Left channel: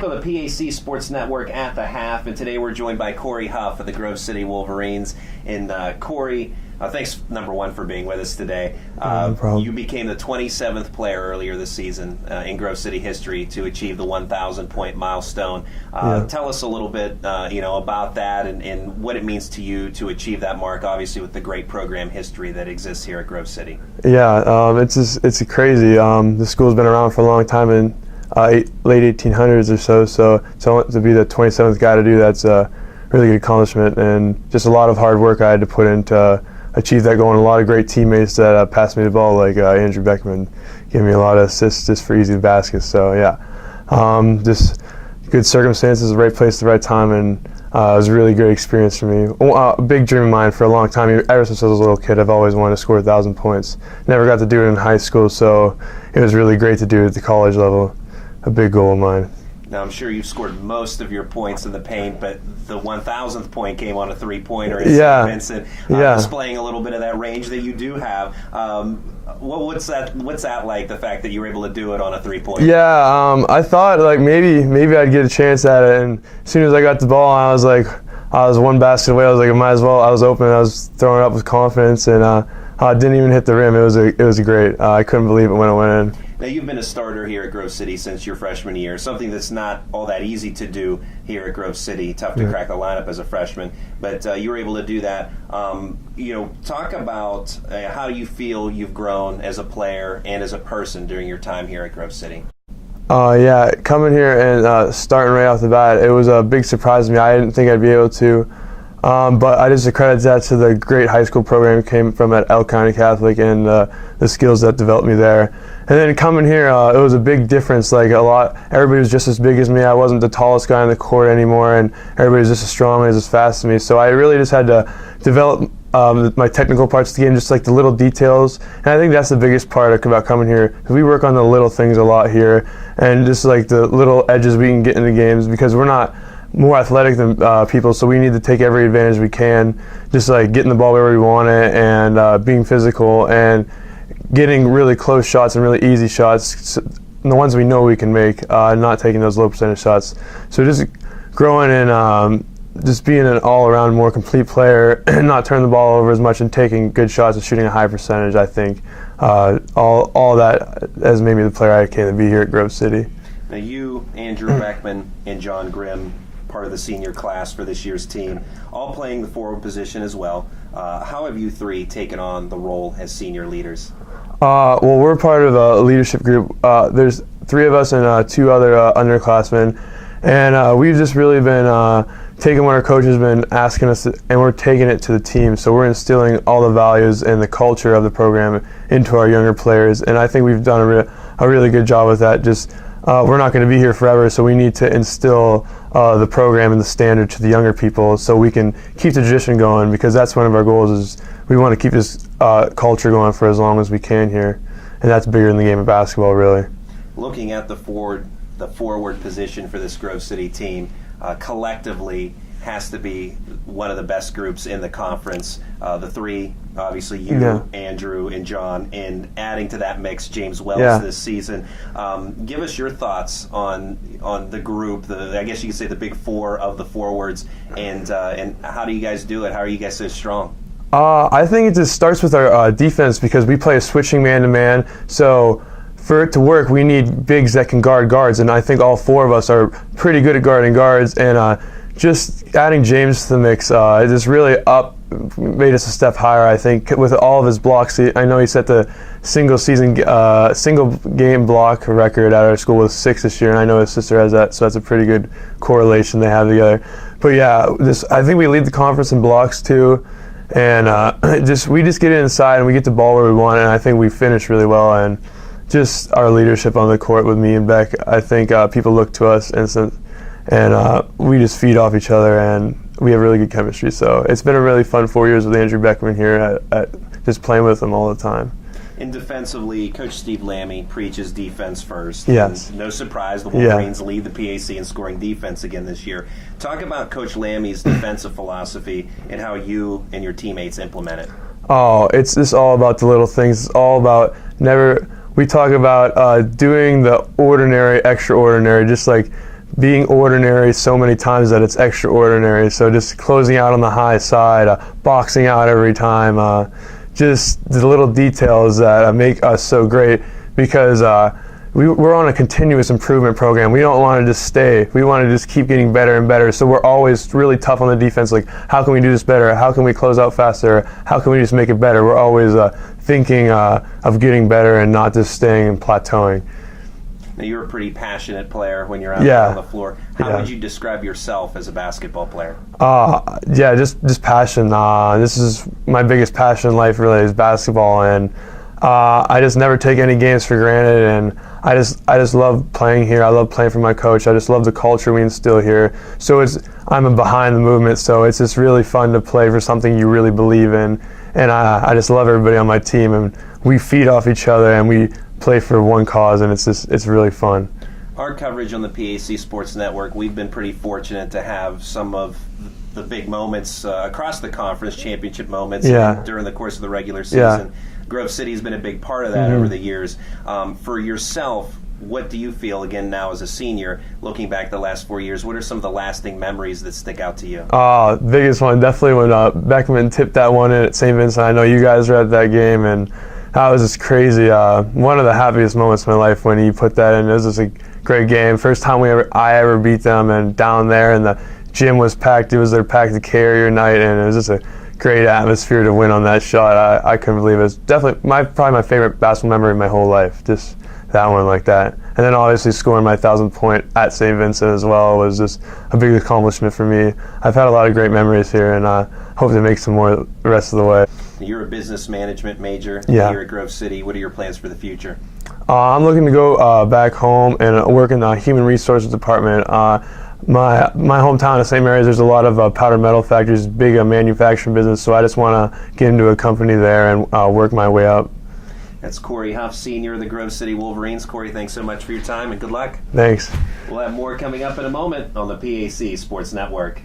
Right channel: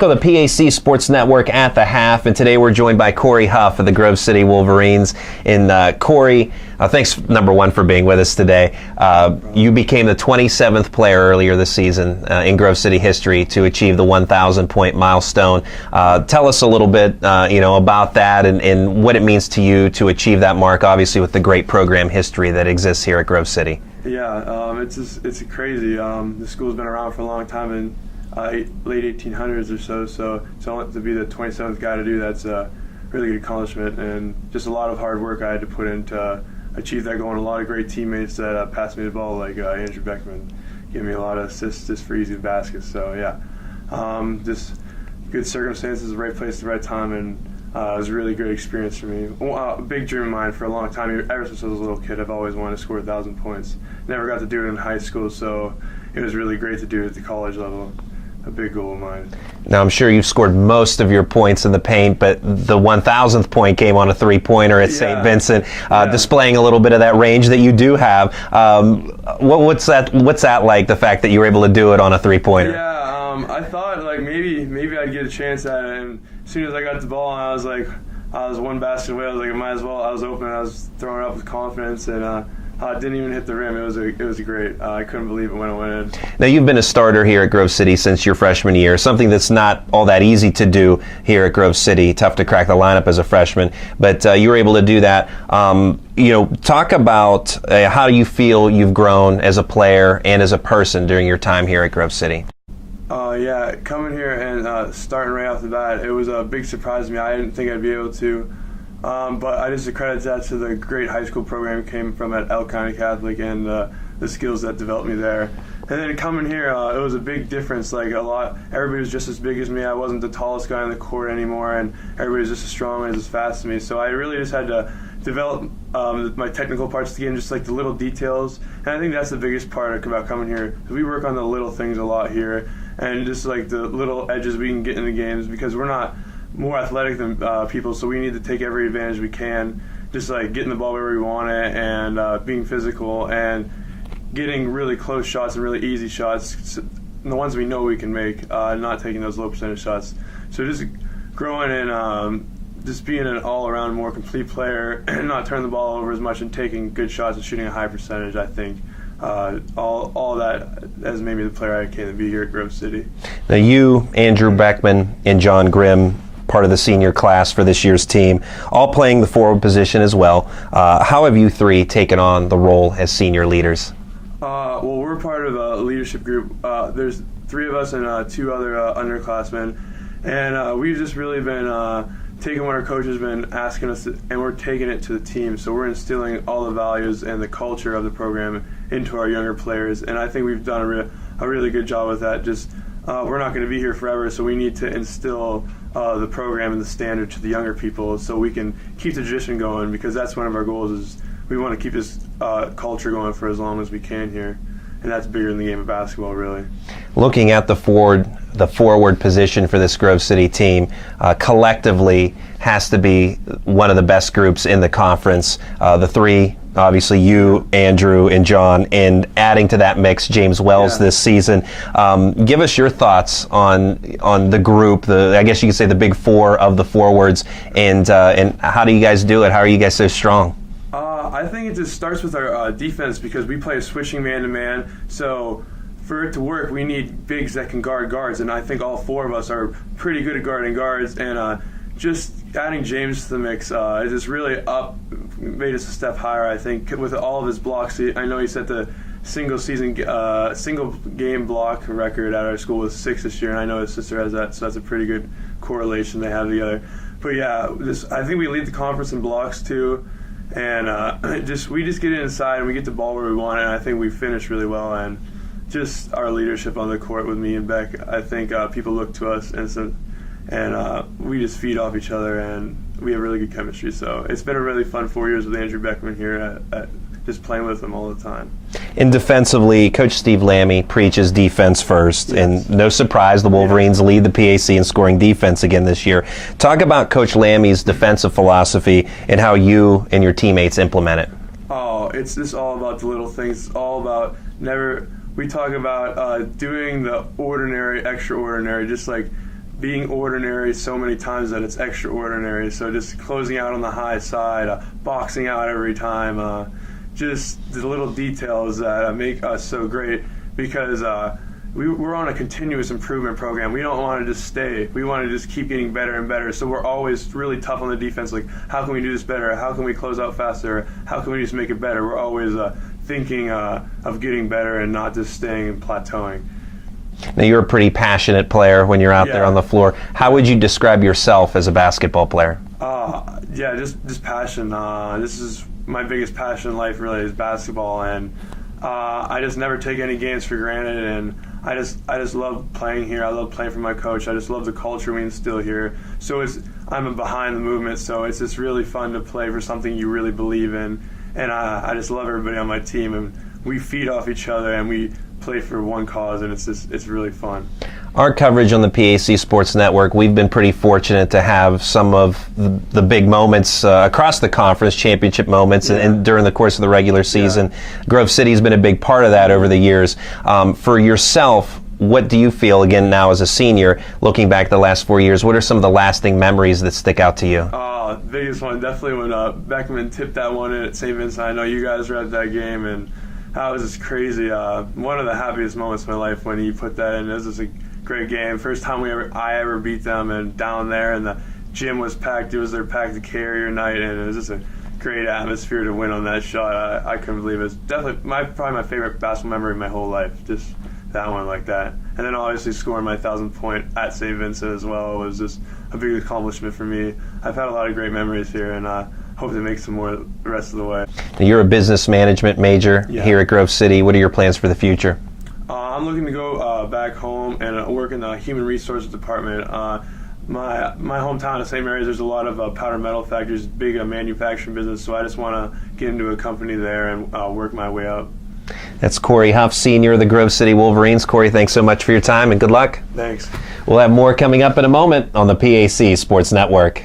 On the PAC Sports Network at the half, and today we're joined by Cory Huff of the Grove City Wolverines. And Cory, thanks, number one, for being with us today. No you became the 27th player earlier this season in Grove City history to achieve the 1,000-point milestone. Tell us a little bit, about that and what it means to you to achieve that mark, obviously with the great program history that exists here at Grove City. Yeah, it's crazy. The school's been around for a long time, and late 1800s or so to be the 27th guy to do that's a really good accomplishment, and just a lot of hard work I had to put in to achieve that goal, and a lot of great teammates that passed me the ball, like Andrew Beckman gave me a lot of assists just for easy baskets. So yeah, just good circumstances, the right place, the right time, and it was a really great experience for me. A big dream of mine for a long time, ever since I was a little kid. I've always wanted to score 1,000 points. Never got to do it in high school, so it was really great to do it at the college level. A big goal of mine. Now, I'm sure you've scored most of your points in the paint, but the 1,000th point came on a three-pointer at St. Vincent, displaying a little bit of that range that you do have. What's that like, the fact that you were able to do it on a three-pointer? Yeah, I thought like maybe I'd get a chance at it, and as soon as I got the ball, I was one basket away. I was like, I might as well. I was open. I was throwing it up with confidence, and I didn't even hit the rim. It was great. I couldn't believe it when it went in. Now, you've been a starter here at Grove City since your freshman year, something that's not all that easy to do here at Grove City. Tough to crack the lineup as a freshman, but you were able to do that. Talk about how you feel you've grown as a player and as a person during your time here at Grove City. Yeah, coming here and starting right off the bat, it was a big surprise to me. I didn't think I'd be able to. But I just accredit that to the great high school program I came from at Elk County Catholic, and the skills that developed me there. And then coming here, it was a big difference. Everybody was just as big as me. I wasn't the tallest guy on the court anymore, and everybody was just as strong and as fast as me. So I really just had to develop my technical parts of the game, just like the little details. And I think that's the biggest part about coming here. We work on the little things a lot here, and just like the little edges we can get in the games, because we're not more athletic than people, so we need to take every advantage we can, just like getting the ball wherever we want it, and being physical and getting really close shots and really easy shots, the ones we know we can make, not taking those low percentage shots. So just growing and just being an all-around more complete player and not turning the ball over as much and taking good shots and shooting a high percentage, I think all that has made me the player I came to be here at Grove City. Now you, Andrew Beckman, and John Grimm, part of the senior class for this year's team, all playing the forward position as well. How have you three taken on the role as senior leaders? Well, we're part of a leadership group. There's three of us and two other underclassmen, and we've just really been taking what our coach has been asking us, and we're taking it to the team. So we're instilling all the values and the culture of the program into our younger players, and I think we've done a really good job with that. Just we're not going to be here forever, so we need to instill the program and the standard to the younger people so we can keep the tradition going, because that's one of our goals. Is we want to keep this culture going for as long as we can here, and that's bigger than the game of basketball, really. Looking at the forward position for this Grove City team, collectively has to be one of the best groups in the conference. The three, obviously you, Andrew, and John, and adding to that mix, James Wells this season. Give us your thoughts on the group, I guess you could say the big four of the forwards, and how do you guys do it? How are you guys so strong? I think it just starts with our defense, because we play a switching man-to-man, so for it to work, we need bigs that can guard guards, and I think all four of us are pretty good at guarding guards, and just adding James to the mix, it just really made us a step higher, I think, with all of his blocks. I know he set the single game block record at our school with 6 this year, and I know his sister has that, so that's a pretty good correlation they have together. But yeah, I think we lead the conference in blocks too, and we just get inside and we get the ball where we want, and I think we finish really well. And just our leadership on the court with me and Beck, I think people look to us and we just feed off each other, and we have really good chemistry. So it's been a really fun 4 years with Andrew Beckman here at just playing with him all the time. And defensively, Coach Steve Lammy preaches defense first, and no surprise, the Wolverines lead the PAC in scoring defense again this year. Talk about Coach Lammy's defensive philosophy and how you and your teammates implement it. Oh, it's just all about the little things. It's all about we talk about doing the ordinary, extraordinary, just like being ordinary so many times that it's extraordinary. So just closing out on the high side, boxing out every time, just the little details that make us so great, because we're on a continuous improvement program. We don't want to just stay. We want to just keep getting better and better. So we're always really tough on the defense. Like, how can we do this better? How can we close out faster? How can we just make it better? We're always thinking of getting better and not just staying and plateauing. Now, you're a pretty passionate player when you're out there on the floor. How would you describe yourself as a basketball player? Just passion. This is my biggest passion in life, really, is basketball, and I just never take any games for granted, and I just love playing here. I love playing for my coach. I just love the culture we instill here. So I'm a behind the movement, so it's just really fun to play for something you really believe in, and I just love everybody on my team, and we feed off each other, and we play for one cause, and it's really fun. Our coverage on the PAC Sports Network, we've been pretty fortunate to have some of the big moments across the conference, championship moments, and during the course of the regular season. Grove City's been a big part of that over the years. For yourself, what do you feel, again, now as a senior, looking back the last 4 years, what are some of the lasting memories that stick out to you? Biggest one, definitely when Beckman tipped that one in at St. Vincent. I know you guys were at that game, and that was just crazy. One of the happiest moments of my life when he put that in. It was just a great game. First time I ever beat them, and down there, and the gym was packed. It was their packed carrier night, and it was just a great atmosphere to win on that shot. I couldn't believe it. It was definitely probably my favorite basketball memory of my whole life, just that one like that. And then obviously scoring my 1,000th point at St. Vincent as well was just a big accomplishment for me. I've had a lot of great memories here, and hope to make some more the rest of the way. You're a business management major here at Grove City. What are your plans for the future? I'm looking to go back home and work in the human resources department. My hometown of St. Mary's, there's a lot of powder metal factories, big manufacturing business, so I just want to get into a company there and work my way up. That's Cory Huff, senior of the Grove City Wolverines. Cory, thanks so much for your time and good luck. Thanks. We'll have more coming up in a moment on the PAC Sports Network.